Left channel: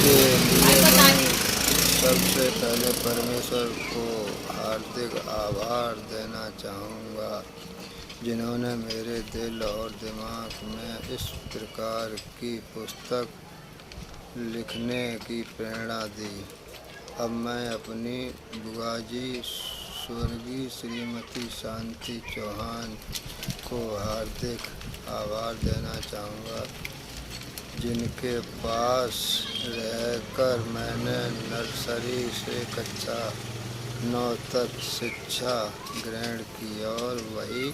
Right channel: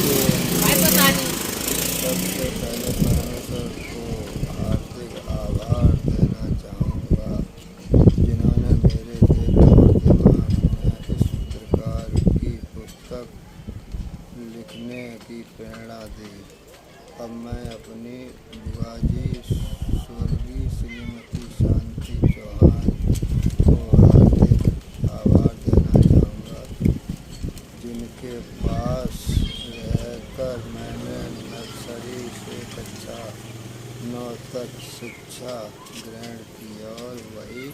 के लिए मैं सबसे पहले परमेश्वर को हार्दिक आभार देना चाहूँगा, जिन्होंने मेरे दिल और दिमाग में इस प्रकार की पुस्तक लिखने की प्रेरणा दी। अब मैं अपनी बुआजी स्वर्गीय श्रीमती शांति चौहान को हार्दिक आभार देना चाहूँगा, जिनके पास रहकर मैंने नर्सरी से कक्षा 9 तक शिक्षा ग्रहण की और वहीं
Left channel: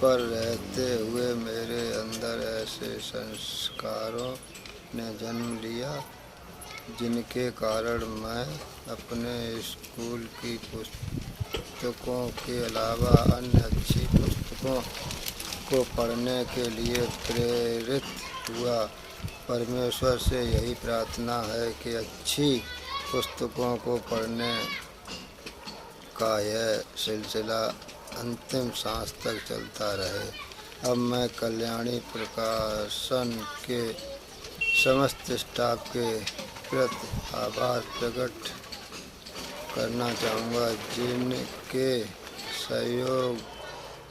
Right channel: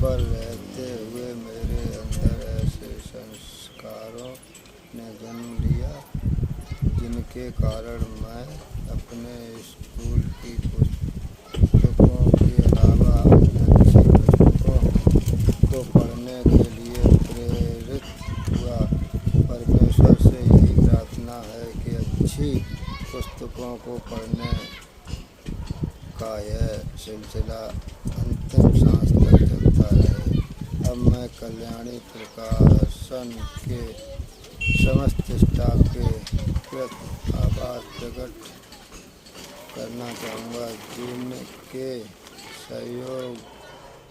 पर रहते हुए मेरे अंदर ऐसे संस्कारों ने जन्म लिया, जिनके कारण मैं अपने स्कूल की पुस्तकों के अलावा अन्य अच्छी पुस्तकों को पढ़ने के लिए प्रेरित हुआ। परमेश्वर से यही प्रार्थना है कि अच्छी पुस्तकों को पढ़ने का यह सिलसिला अंतिम सांस तक चलता रहे। अब मैं कल्याणी प्रकाशन के समस्त स्टाफ के प्रति आभार प्रकट करना चाहूँगा, जिनके सहयोग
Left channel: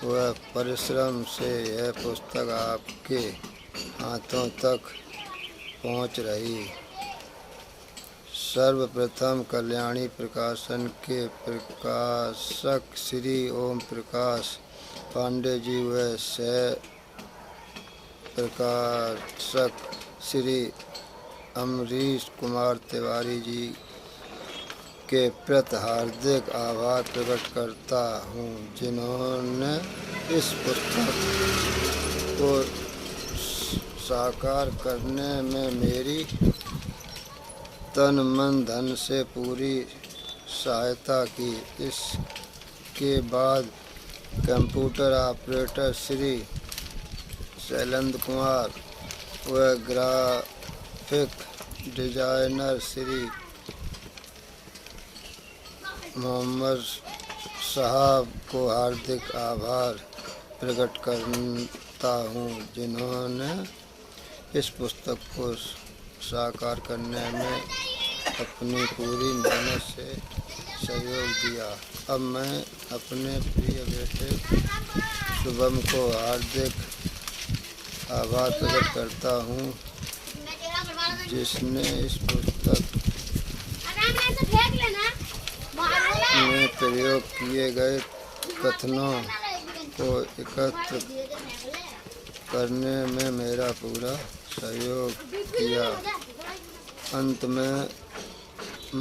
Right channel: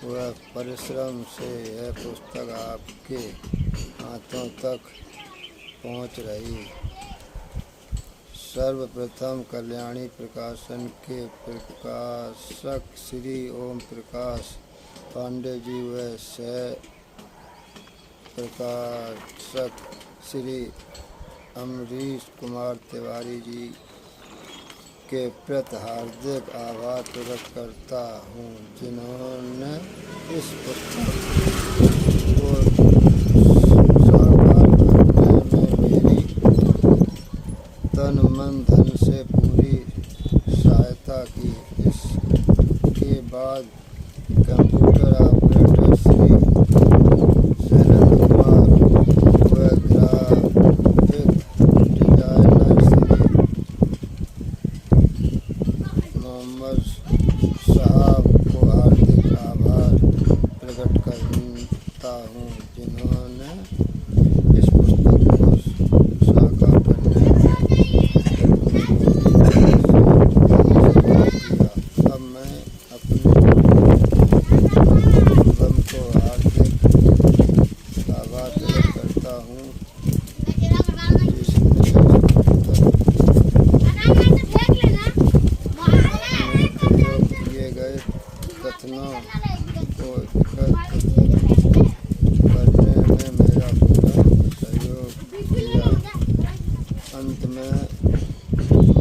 व परिश्रम से यह पुस्तक आपके हाथों तक पहुँच रही। सर्वप्रथम कल्याणी प्रकाशन के प्रकाशक श्री ओम प्रकाश पांडे जी व सह प्रकाशक श्री अमरीश कुमार तिवारी जी के प्रति हार्दिक आभार प्रकट करता हूँ, जिन्होंने इस पुस्तक को साकार करने में मेरी तन मन धन से पूरी सहायता की। इसके बाद कंप्यूटर ऑपरेटर श्री शैलेंद्र कुमार व ग्राफिक डिजाइनर श्री मोहम्मद साहब को हार्दिक आभार प्रकट करता हूँ, जिन्होंने इस पुस्तक को साकार करने में अपनी पूरी तरह से सहयोग दिया। अब मैं अपने प्रिय बेटे शुभम को हार्दिक आभार प्रकट करता हूँ, जिसने इस पुस्तक में प्रयोग किए गए कथनों को एकत्र करने में मेरा पूरा सहयोग किया। अंत में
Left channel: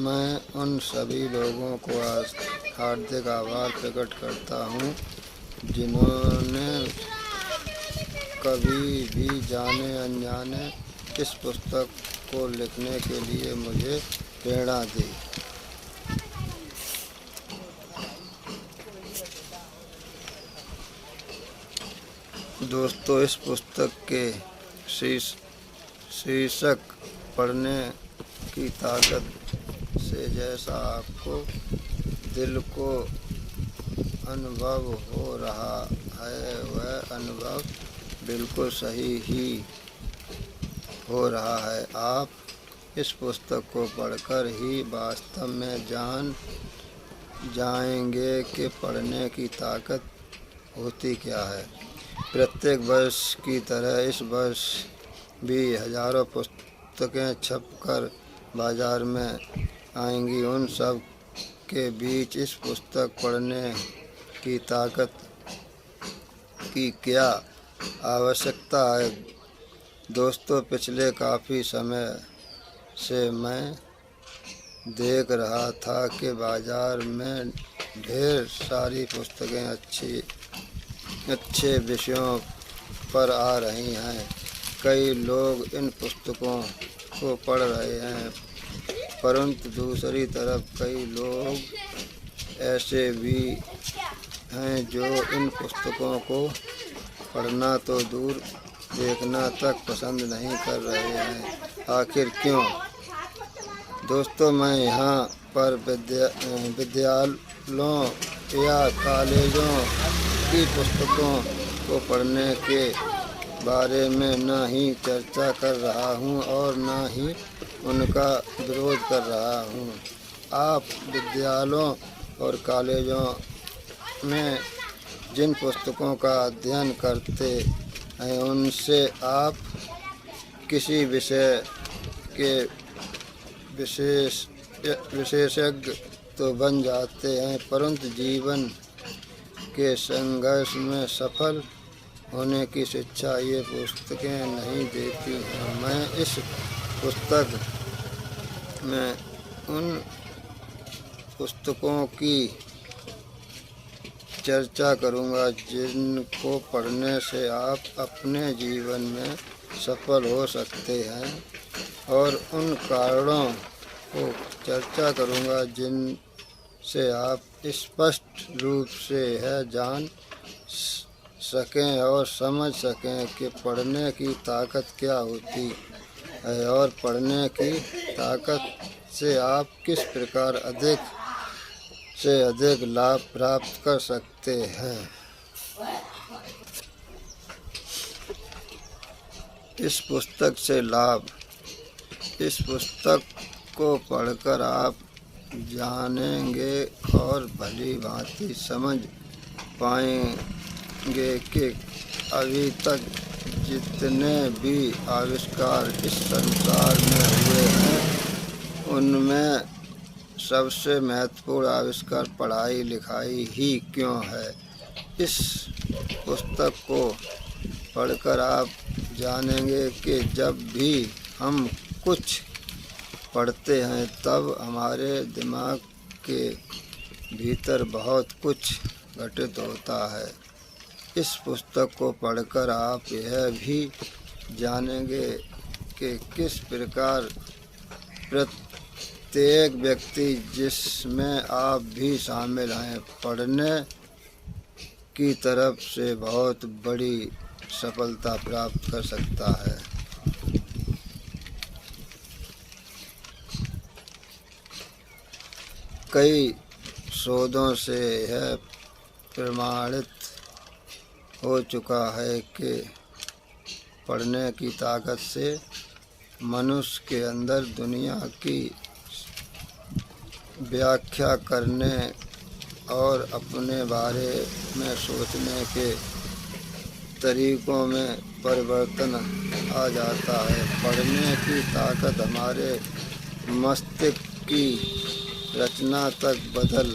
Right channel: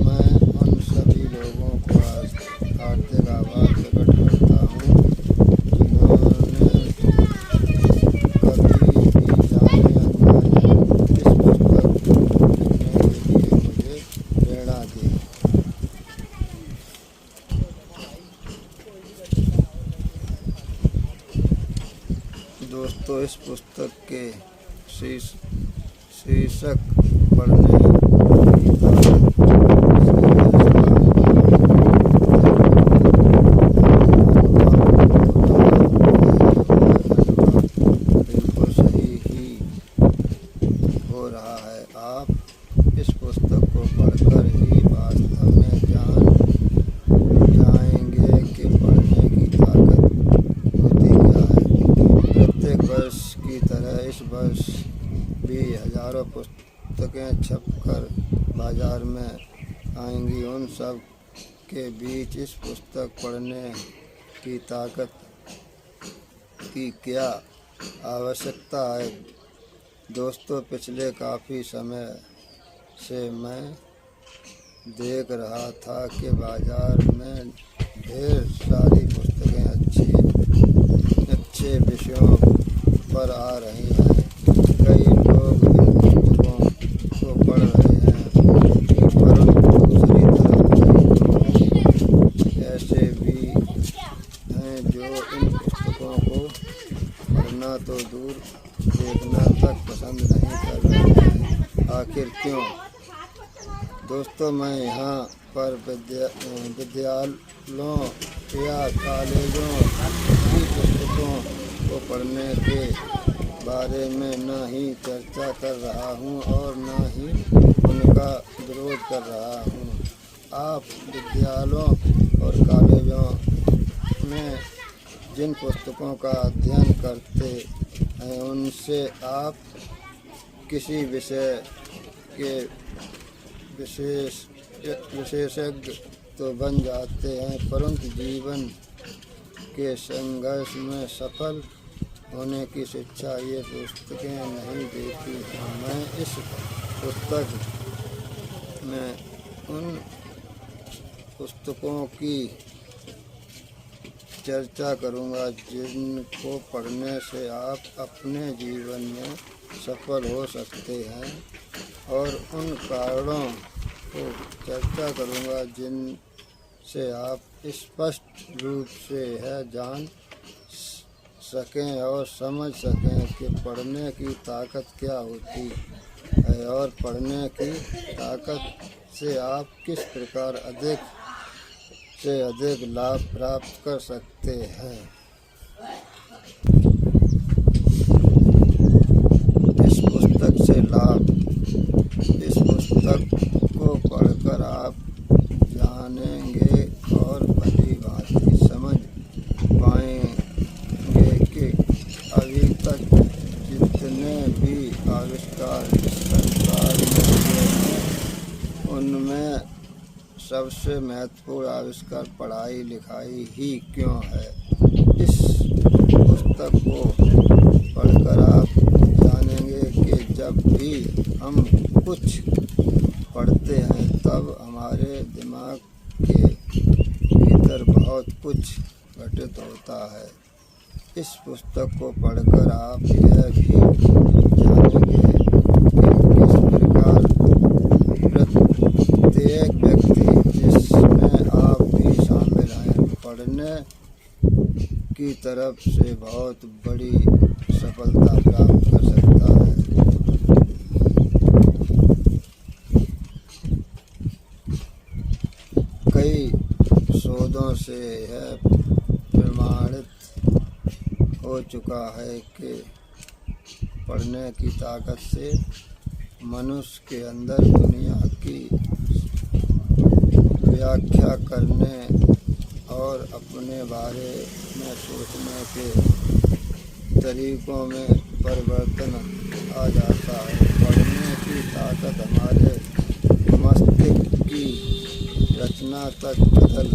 मैं उन सभी लोगों को हार्दिक आभार प्रकट करता हूँ, जिन्होंने कभी भी जाने अनजाने इस पुस्तक को लिखने के लिए मुझे प्रेरणा दी। दोस्तों, इस पुस्तक के शीर्षक पढ़ने की ताकत से ऐसा अनुभव हो रहा है, वह अनुभव बिल्कुल सही ही हो रहा है। आप इस पुस्तक को पढ़कर ही वास्तव में जान जाएंगे कि पढ़ने की ताकत होती क्या है। प्रत्येक वर्ष की तरह इस वर्ष भी हजारों पुस्तकें छपकर बाजार में आएंगी। उन सब के बीच इस पुस्तक पढ़ने की ताकत की क्या आवश्यकता है। दोस्तों, पिछले काफ़ी समय से मैं देख रहा था कि बाजार में ढेर सारी पुस्तकें अच्छे विषयों पर आ रही हैं। कई लोग इन पुस्तकों को पढ़ रहे हैं, परंतु दूसरी तरफ कई लोग ऐसे भी हैं जो इन पुस्तकों को पढ़ना तो दूर देखना तक पसंद नहीं कर रहे हैं। आखिर क्यों? दोस्तों, मैं यहाँ पर विद्यालयों या कॉलेजों की पुस्तकों को पढ़ने के बारे में न ही चर्चा कर रहा हूँ और न ही उनका विरोध कर रहा हूँ। आप विद्यालयों और कॉलेजों में जिन पुस्तकों का अध्ययन करते हैं उनसे आप किसी विषय के विशेषज्ञ तो बन जाते हैं, परंतु जीवन के संघर्ष में सफल होने की शिक्षा ये पुस्तकें नहीं देती हैं। मैं इस पुस्तक में उन पुस्तकों की चर्चा करूँगा जिनको पढ़ने से आप अपने जीवन में सफल हो सकते हैं, और उन कारणों को चर्चा करूँगा जिनसे आप स्पष्ट रूप से यह जान सकें और समझ सकें कि पढ़ने की ताकत क्या होती है और पढ़ने की ताकत से आप किस प्रकार अधिक से अधिक लाभ प्राप्त कर सकते हैं। इस पुस्तक से लाभ, इस पुस्तक को पढ़कर आप जानेंगे और भली भांति समझ पाएंगे कि अभी तक जितने भी आविष्कार इस संसार में हुए हैं उनमें सबसे महत्वपूर्ण आविष्कार पढ़ाई लिखाई ही क्यों है। इस पुस्तक को पढ़कर आप जानेंगे कि जब भी हम कुछ पढ़ते हैं तब हमारे दिमाग के भीतर बहुत कुछ घटित होता है। इस पुस्तक को पढ़कर आप यह भी जानेंगे कि किस प्रकार प्रत्येक व्यक्ति, जिसमें आप भी शामिल हैं, पढ़ने की तरफ से बहुत बड़ी सफलता प्राप्त कर सकता है। कई शोधों से यह प्रमाणित हो चुका है कि पढ़ने की ताकत से मनुष्य के अंदर दुनिया की व्याख्या करने और अपने बारे में सोचने के तरीकों में परिवर्तन आ जाता है। पढ़ने की ताकत हमारे मस्तिष्क की रचना तक बदल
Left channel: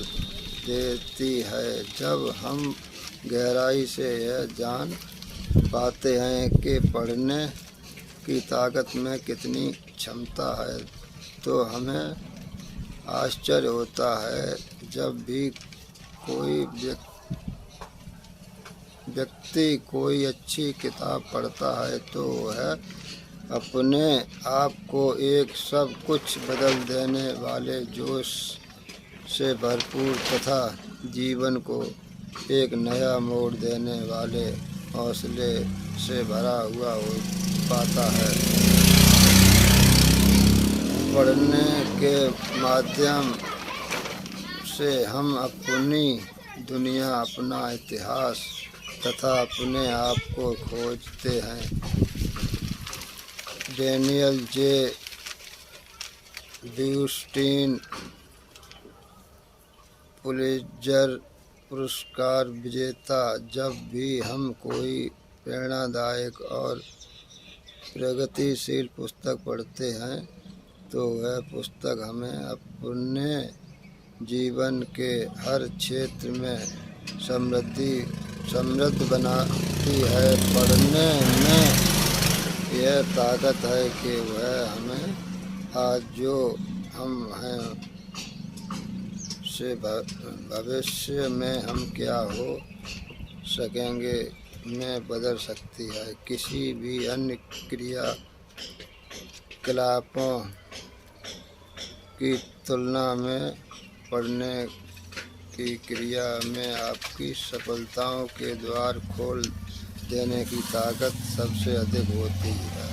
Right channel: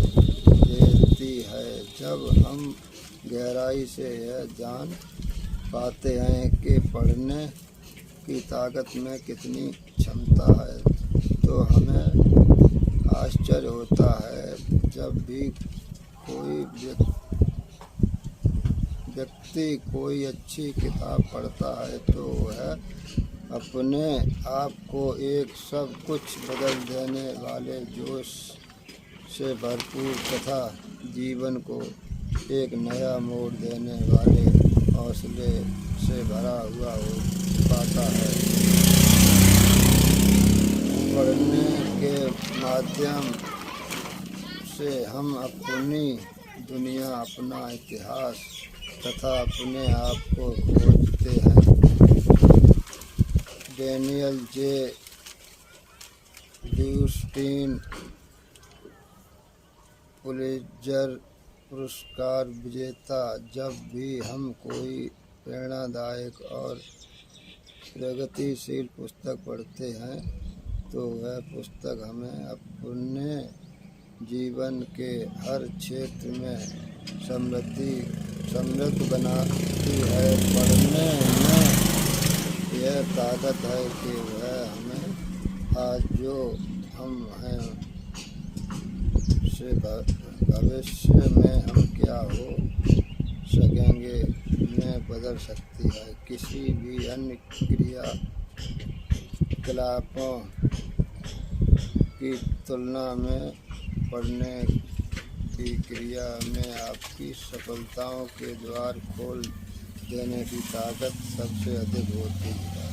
देती है। जब हम गहराई से यह जान पाते हैं कि पढ़ने की ताकत में कितनी क्षमता है, तो हमें आश्चर्य होता है। जब भी कोई व्यक्ति कोई अच्छी किताब पढ़ता है तो वह अपने आप को एक सब कुछ बदल देने वाले जोश से भरपूर तथा जीवन को एक नया मोड़ देने वाले हौसले से भरा हुआ हो पाता है। पढ़ने के माध्यम से हम अपनी दुनिया, अपना इतिहास तथा अपने आप को खोजते हैं। डेनियल जे ब्यूस्टीन पुलित्जर पुरस्कार विजेता, जब भी हम कोई प्रेरणादायक और प्रगतिशील पुस्तक पढ़ते हैं तो वह पुस्तक हमें अपने जीवन के हर क्षेत्र में समृद्ध बनाती है। पढ़ने में यह ताकत है कि वह हमें आज जो हम हैं से भविष्य में हम क्या हो सकेंगे में बदल सकती है। किसी भी अन्य क्रियाकलापों की तुलना में पढ़ने की क्रिया में आपकी सफलताओं के द्वार खोल देने की ताकत सबसे अधिक होती है।